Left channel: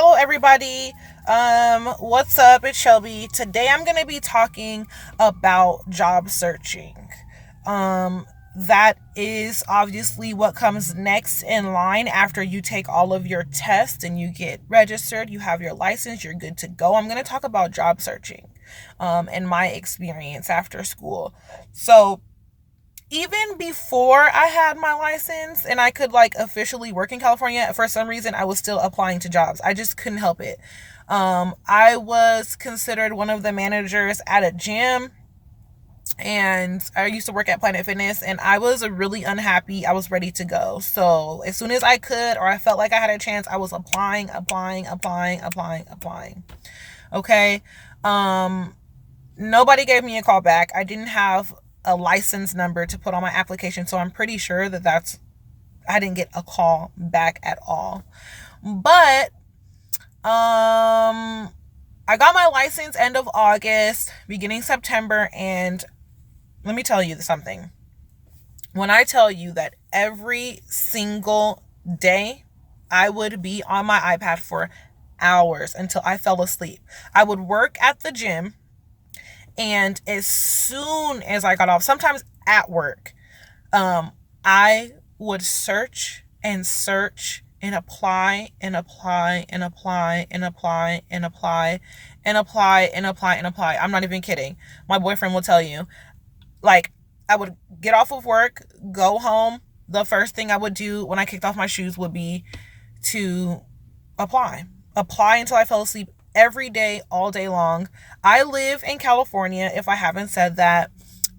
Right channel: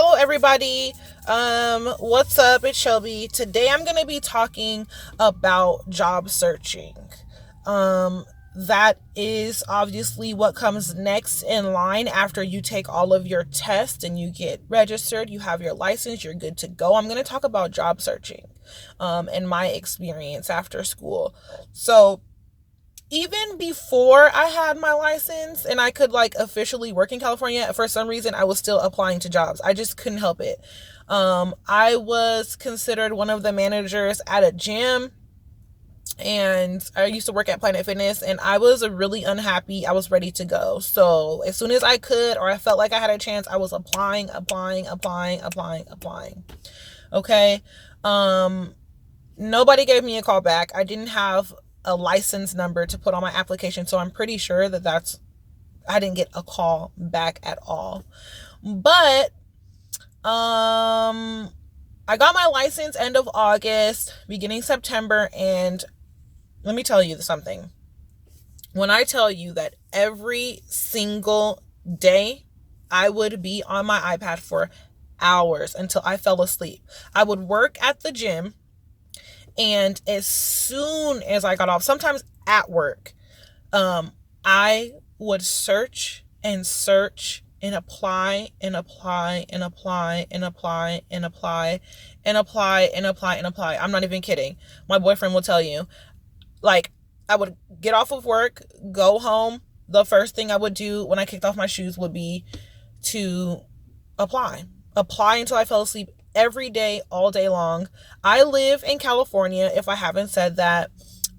Hello everybody. What's up? It's Shelby. Today I'm going to be talking about job searching. That is obviously what comes next in line after you take all of your tests and you get registered, you have your license, you're good to go. I'm going to talk about job searching and my experience after school. So, even before I had my license and I could officially work in California, for some reason I was still applying to jobs. I just couldn't help it. I was considered one of the managers at a gym, and I used to work at Planet Fitness, and I was really unhappy. I was ready to go. So as soon as I could, or I felt like I had a chance, I was applying. Okay. Nobody gave me a call back. I didn't have a license number to put on my application, so I'm pretty sure I didn't get a call back at all. But I got my license end of August, beginning September, and let me tell you something. When I tell you that every single day I would be on my iPad for hours until I fell asleep. I would work at the gym, and as soon as I got off, sometimes at work, I would search and search and apply and apply and apply and apply and apply and apply and apply and apply. I'm not even kidding. My boyfriend will tell you. I would get off of work, go home. The first thing I would do when I kicked off my shoes would be to apply until I fell asleep every day, all day long. I live in California, if I haven't said that.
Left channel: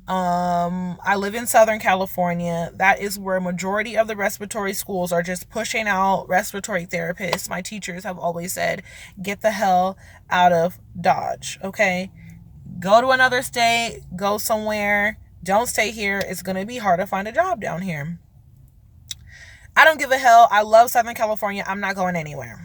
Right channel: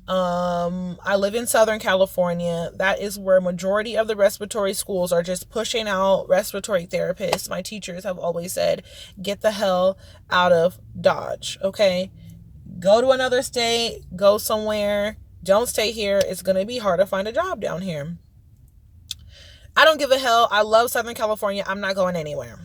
I live in Southern California. That is where majority of the respiratory schools are just pushing out respiratory therapists. My teachers have always said, get the hell out of Dodge, okay? Go to another state, go somewhere. Don't stay here. It's going to be hard to find a job down here. I don't give a hell. I love Southern California. I'm not going anywhere.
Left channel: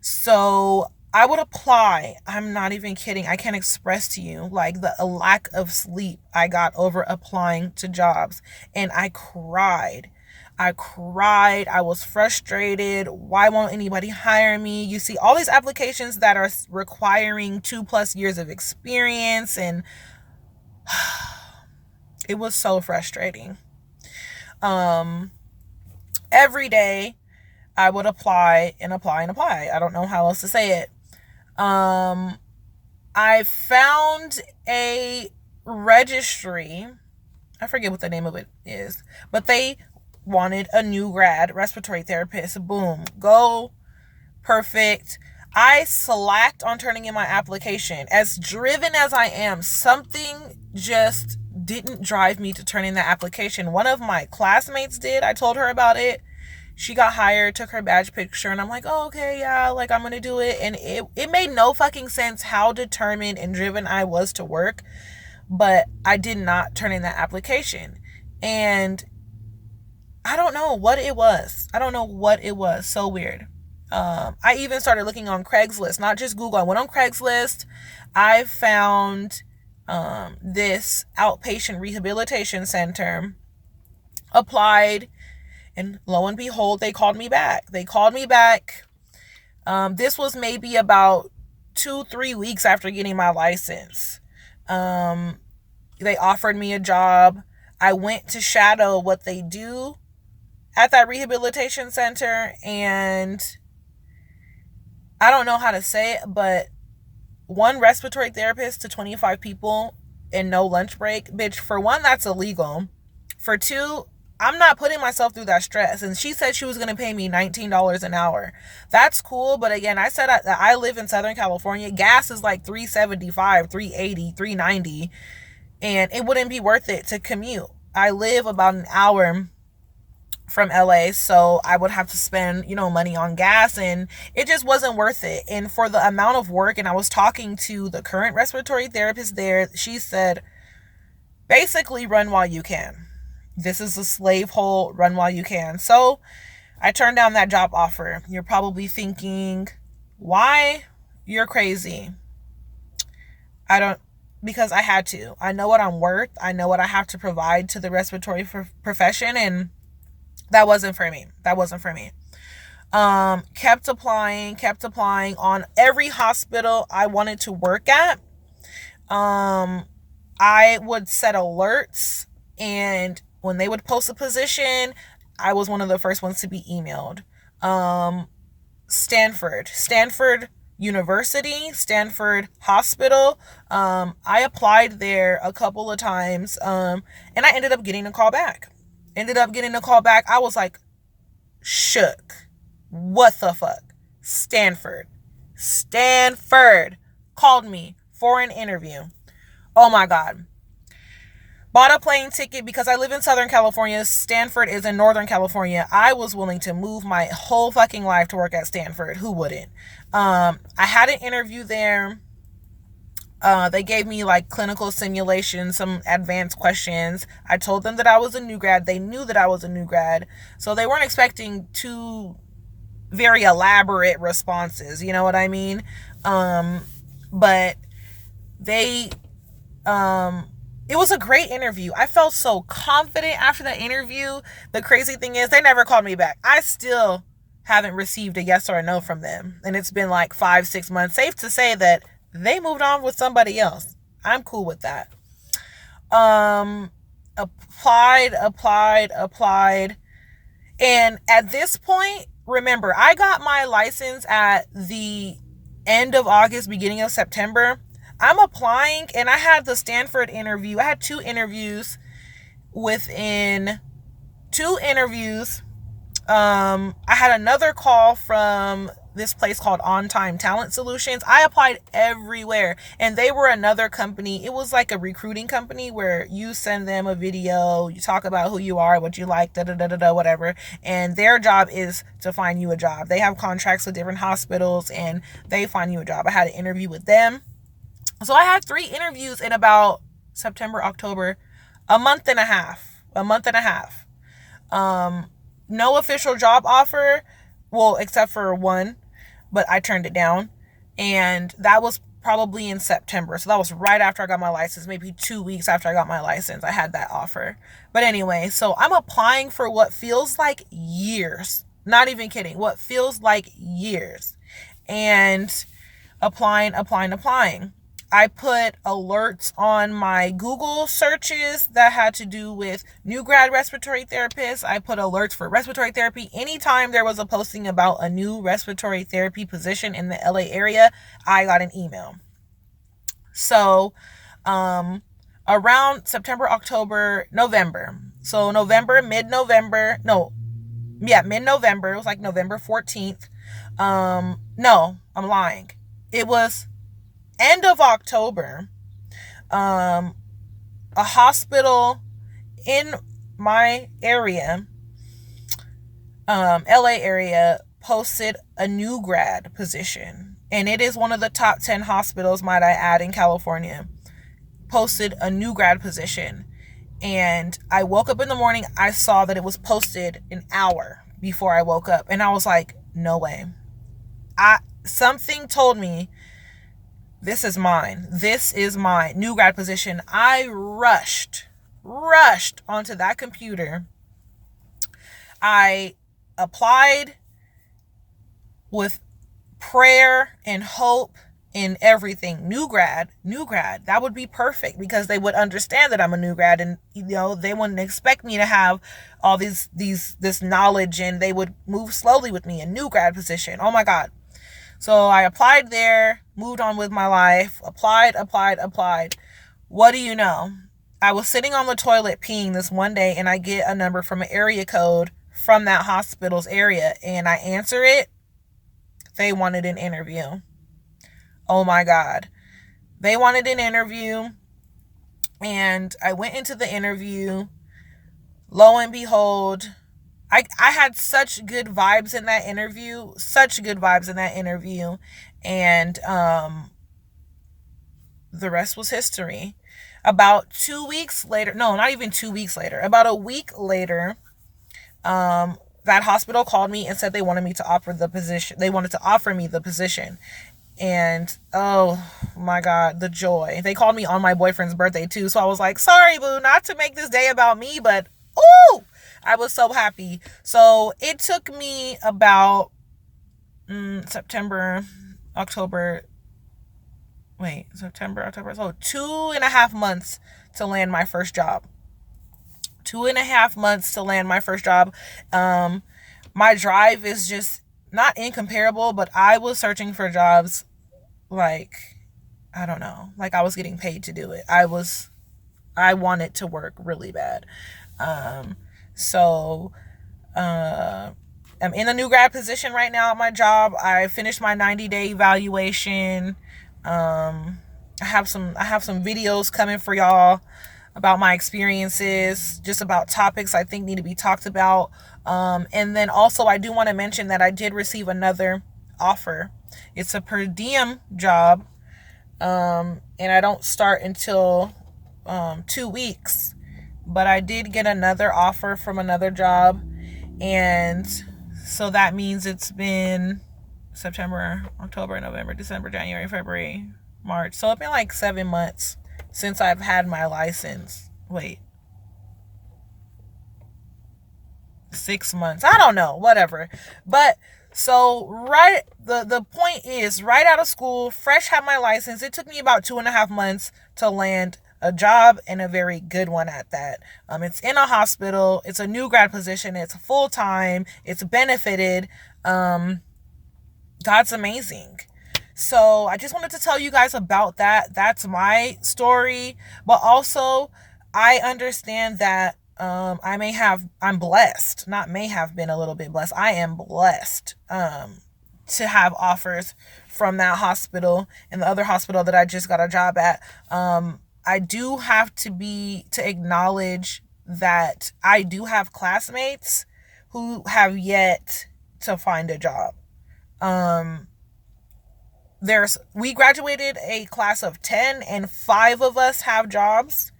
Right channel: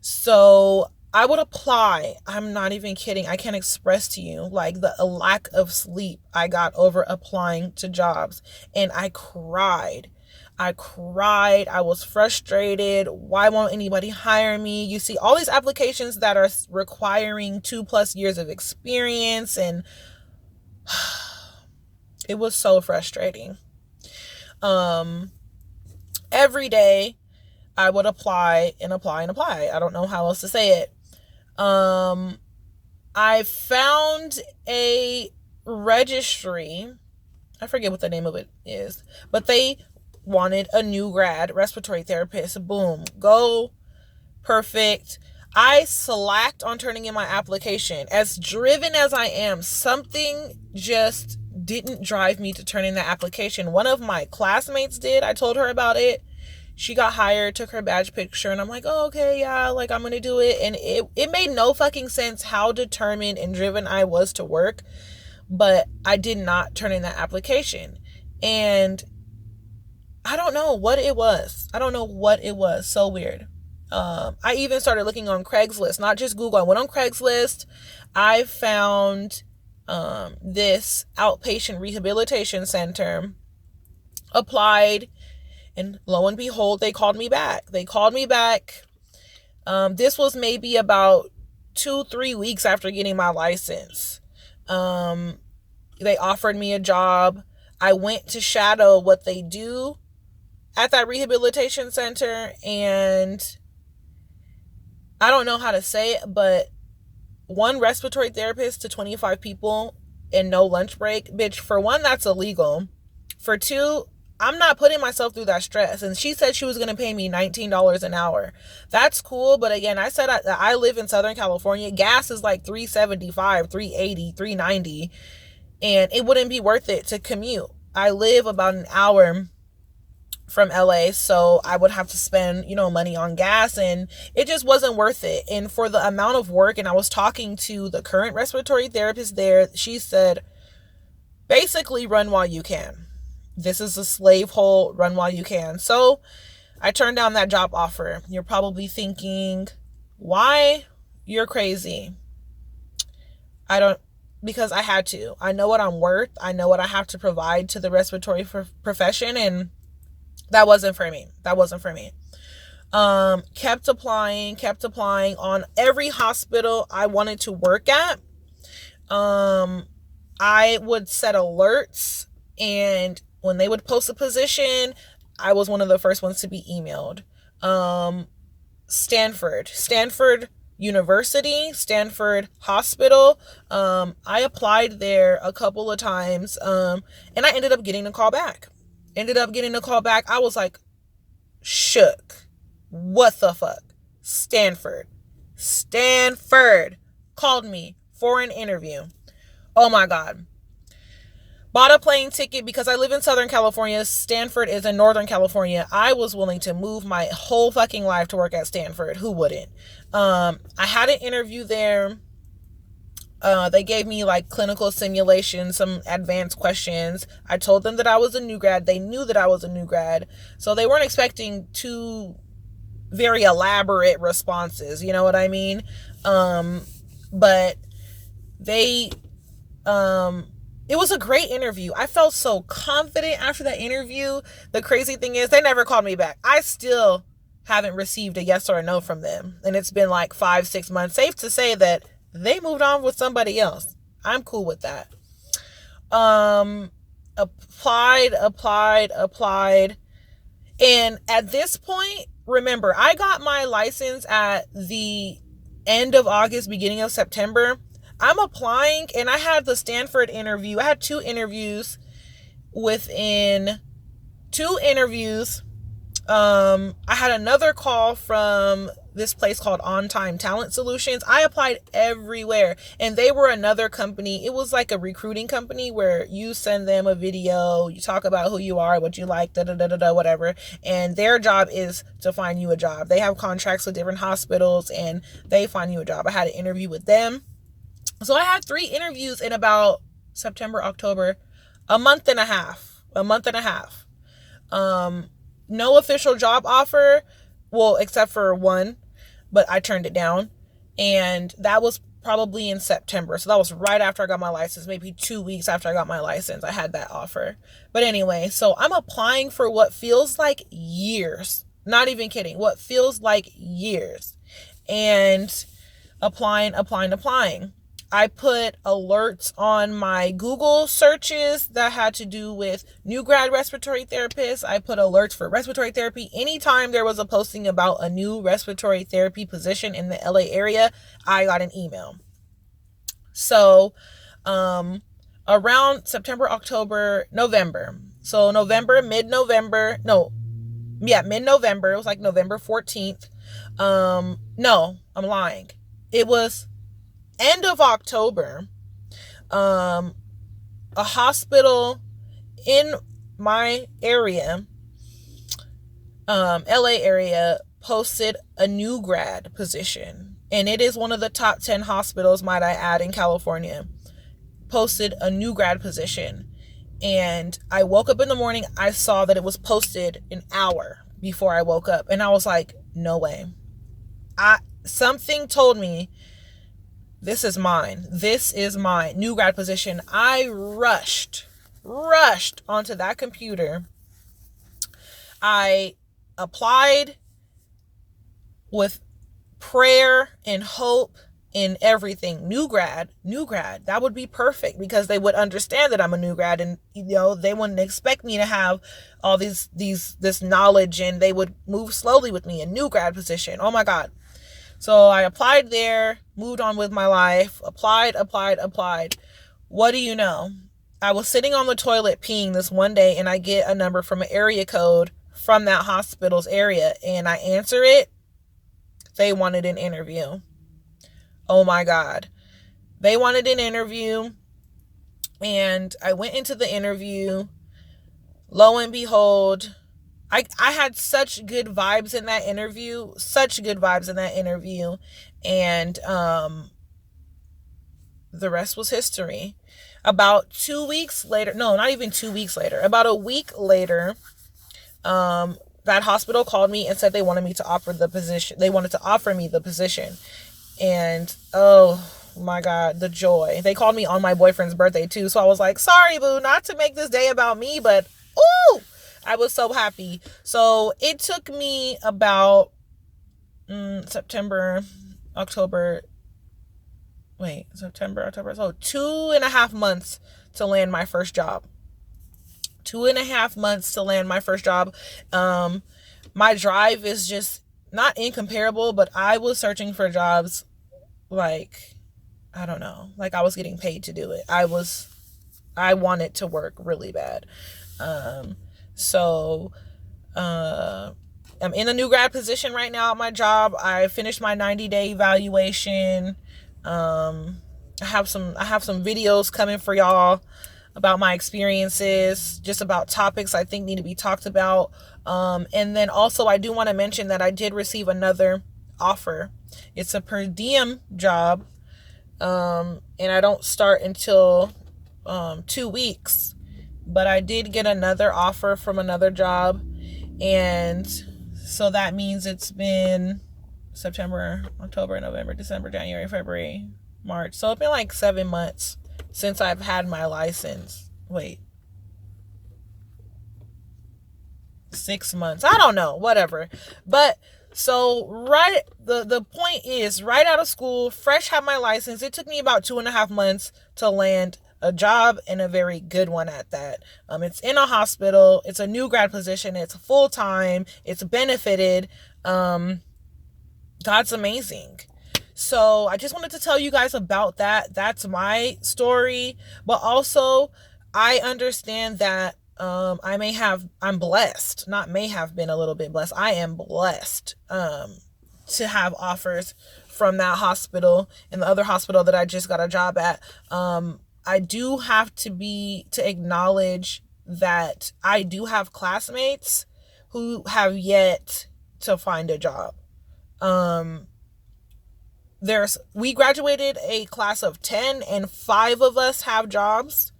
So I would apply. I'm not even kidding. I can't express to you the lack of sleep I got over applying to jobs. And I cried. I was frustrated. Why won't anybody hire me? You see all these applications that are requiring 2+ years of experience, and it was so frustrating. Every day I would apply and apply and apply. I don't know how else to say it. I found a registry. I forget what the name of it is, but they wanted a new grad respiratory therapist. Boom. Go. Perfect. I slacked on turning in my application. As driven as I am, something just didn't drive me to turn in the application. One of my classmates did. I told her about it. She got hired, took her badge picture, and I'm like, oh, okay, yeah, I'm going to do it. And it made no fucking sense how determined and driven I was to work, but I did not turn in that application. And I don't know what it was. So weird. I even started looking on Craigslist, not just Google. I went on Craigslist. I found this outpatient rehabilitation center, applied, and lo and behold, they called me back. This was maybe about 2-3 weeks after getting my license. They offered me a job. I went to shadow what they do at that rehabilitation center, and I don't know how to say it, but one respiratory therapist to 25 people and no lunch break. Bitch, for one, that's illegal. For two, I'm not putting myself through that stress. And she said she was going to pay me $19 an hour. That's cool. But again, I said I live in Southern California. Gas is like $3.75, $3.80, $3.90. And it wouldn't be worth it to commute. I live about an hour from LA, so I would have to spend, money on gas, and it just wasn't worth it. And for the amount of work, and I was talking to the current respiratory therapist there, she said, basically, run while you can. This is a slave hole, run while you can. So I turned down that job offer. You're probably thinking, why? You're crazy. Because I had to. I know what I'm worth. I know what I have to provide to the respiratory profession, and that wasn't for me. Kept applying on every hospital I wanted to work at. I would set alerts, and when they would post a position, I was one of the first ones to be emailed. Stanford University, Stanford Hospital. I applied there a couple of times, and I ended up getting a call back. I was like, shook. What the fuck? Stanford called me for an interview. Oh my God. Bought a plane ticket because I live in Southern California. Stanford is in Northern California. I was willing to move my whole fucking life to work at Stanford. Who wouldn't? I had an interview there. They gave me like clinical simulations, some advanced questions. I told them that I was a new grad. They knew that I was a new grad. So they weren't expecting too very elaborate responses. You know what I mean? But they, it was a great interview. I felt so confident after that interview. The crazy thing is they never called me back. I still haven't received a yes or a no from them. And it's been like 5-6 months. Safe to say that they moved on with somebody else. I'm cool with that. Applied. And at this point, remember, I got my license at the end of August, beginning of September. I'm applying, and I had the Stanford interview. I had 2 interviews. Within 2 interviews, I had another call from this place called On Time Talent Solutions. I applied everywhere, and they were another company. It was like a recruiting company where you send them a video, you talk about who you are, what you like, whatever, and their job is to find you a job. They have contracts with different hospitals, and they find you a job. I had an interview with them. So I had 3 interviews in about September, October, a month and a half. No official job offer, well, except for one, but I turned it down. And that was probably in September. So that was right after I got my license, maybe 2 weeks after I got my license, I had that offer. But anyway, so I'm applying for what feels like years. Not even kidding. What feels like years. And applying. I put alerts on my Google searches that had to do with new grad respiratory therapists. I put alerts for respiratory therapy. Anytime there was a posting about a new respiratory therapy position in the LA area, I got an email. So, around September, October, November. So mid-November. It was like November 14th. No, I'm lying. It was end of October. A hospital in my area, LA area, posted a new grad position. And it is one of the top 10 hospitals, might I add, in California. Posted a new grad position. And I woke up in the morning, I saw that it was posted an hour before I woke up. And I was like, no way. Something told me, this is mine. New grad position. I rushed onto that computer. I applied with prayer and hope and everything. New grad. That would be perfect because they would understand that I'm a new grad, and they wouldn't expect me to have all this knowledge, and they would move slowly with me. A new grad position. Oh my God. So I applied there, moved on with my life, applied. What do you know? I was sitting on the toilet peeing this one day, and I get a number from an area code from that hospital's area, and I answer it. They wanted an interview. Oh my God. They wanted an interview, and I went into the interview. Lo and behold, I had such good vibes in that interview, and the rest was history. About 2 weeks later, no, not even 2 weeks later, about a week later, that hospital called me and said they wanted me to offer the position. They wanted to offer me the position. And oh my God, the joy. They called me on my boyfriend's birthday too. So I was like, sorry, boo, not to make this day about me, but ooh, I was so happy. So it took me about September, October, September, October. So 2.5 months to land my first job. 2.5 months to land my first job. My drive is just not incomparable, but I was searching for jobs like, I don't know, like I was getting paid to do it. I wanted to work really bad. So I'm in a new grad position right now at my job. I finished my 90-day evaluation. I have some videos coming for y'all about my experiences, just about topics I think need to be talked about. And then also I do want to mention that I did receive another offer. It's a per diem job. And I don't start until 2 weeks. But I did get another offer from another job. And so that means it's been September, October, November, December, January, February, March. So it's been like 7 months since I've had my license. 6 months. I don't know, whatever. But so the point is, right out of school, fresh had my license. It took me about 2.5 months to land a job, and a very good one at that. It's in a hospital. It's a new grad position. It's full time. It's benefited. God's amazing. So I just wanted to tell you guys about that. That's my story. But also, I understand that I'm blessed. Not may have been a little bit blessed. I am blessed to have offers from that hospital and the other hospital that I just got a job at. I do have to acknowledge that I do have classmates who have yet to find a job. We graduated a class of 10 and 5 of us have jobs.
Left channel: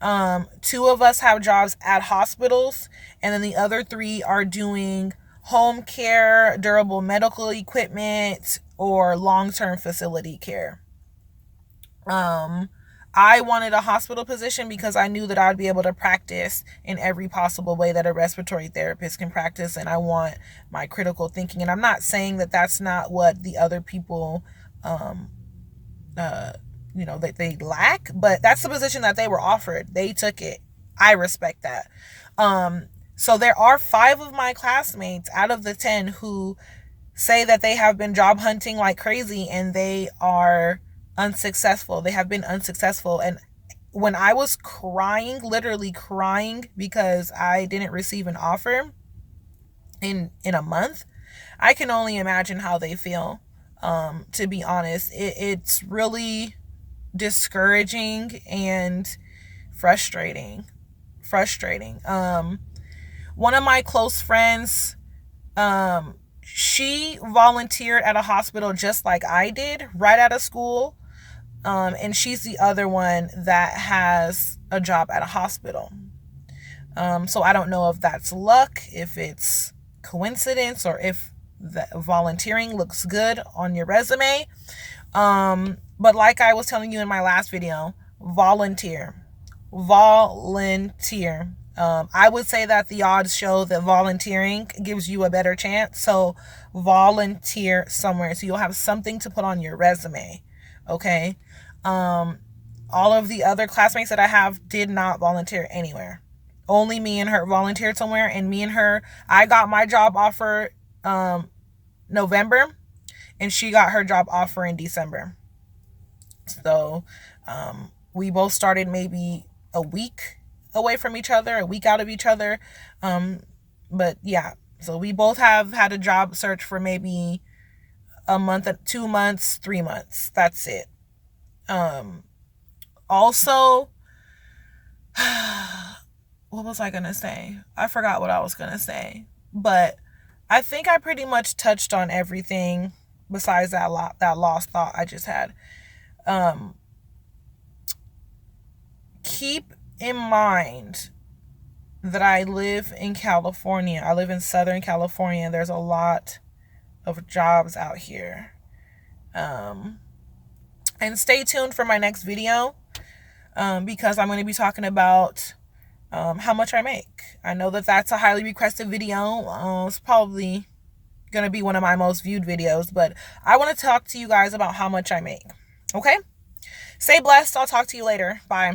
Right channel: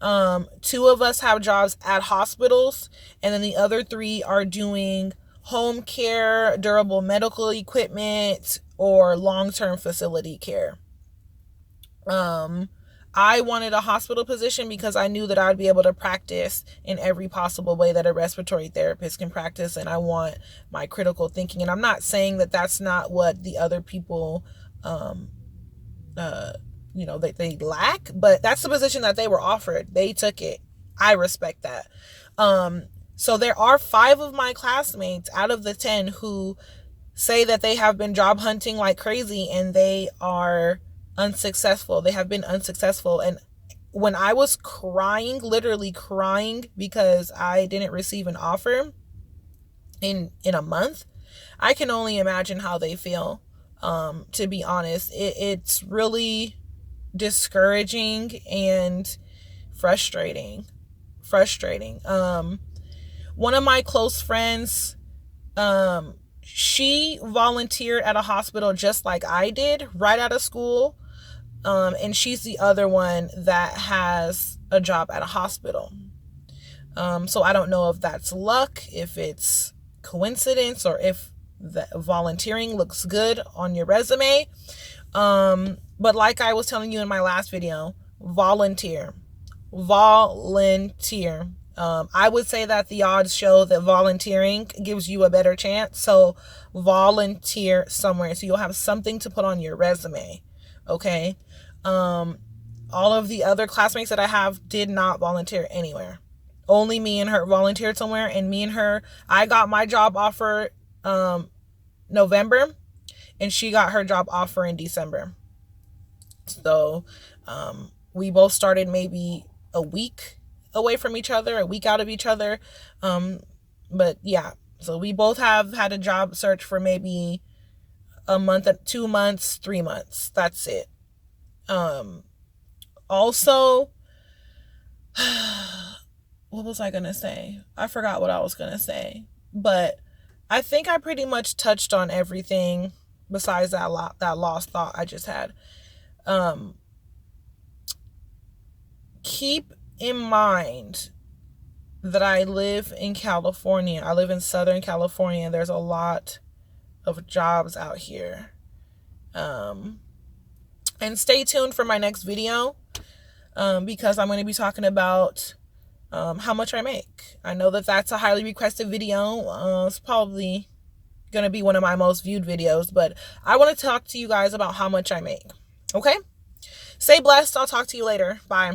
2 of us have jobs at hospitals, and then the other 3 are doing home care, durable medical equipment, or long-term facility care. I wanted a hospital position because I knew that I'd be able to practice in every possible way that a respiratory therapist can practice, and I want my critical thinking. And I'm not saying that that's not what the other people, that they lack, but that's the position that they were offered. They took it. I respect that. So there are 5 of my classmates out of the 10 who say that they have been job hunting like crazy and they are unsuccessful. They have been unsuccessful. And when I was crying, literally crying because I didn't receive an offer in a month, I can only imagine how they feel. To be honest, it's really discouraging and frustrating. One of my close friends, she volunteered at a hospital just like I did right out of school. And she's the other one that has a job at a hospital. So I don't know if that's luck, if it's coincidence, or if the volunteering looks good on your resume. But like I was telling you in my last video, volunteer. I would say that the odds show that volunteering gives you a better chance. So volunteer somewhere so you'll have something to put on your resume. Okay. All of the other classmates that I have did not volunteer anywhere. Only me and her volunteered somewhere, and me and her, I got my job offer November, and she got her job offer in December. So we both started maybe a week away from each other, a week out of each other. But yeah, so we both have had a job search for maybe a month, 2 months, 3 months. That's it. Also, what was I gonna say? I forgot what I was gonna say, but I think I pretty much touched on everything besides that lost thought I just had. Keep in mind that I live in California. I live in Southern California. There's a lot of jobs out here. And stay tuned for my next video, because I'm going to be talking about how much I make. I know that that's a highly requested video. It's probably going to be one of my most viewed videos, but I want to talk to you guys about how much I make. Okay? Stay blessed. I'll talk to you later. Bye.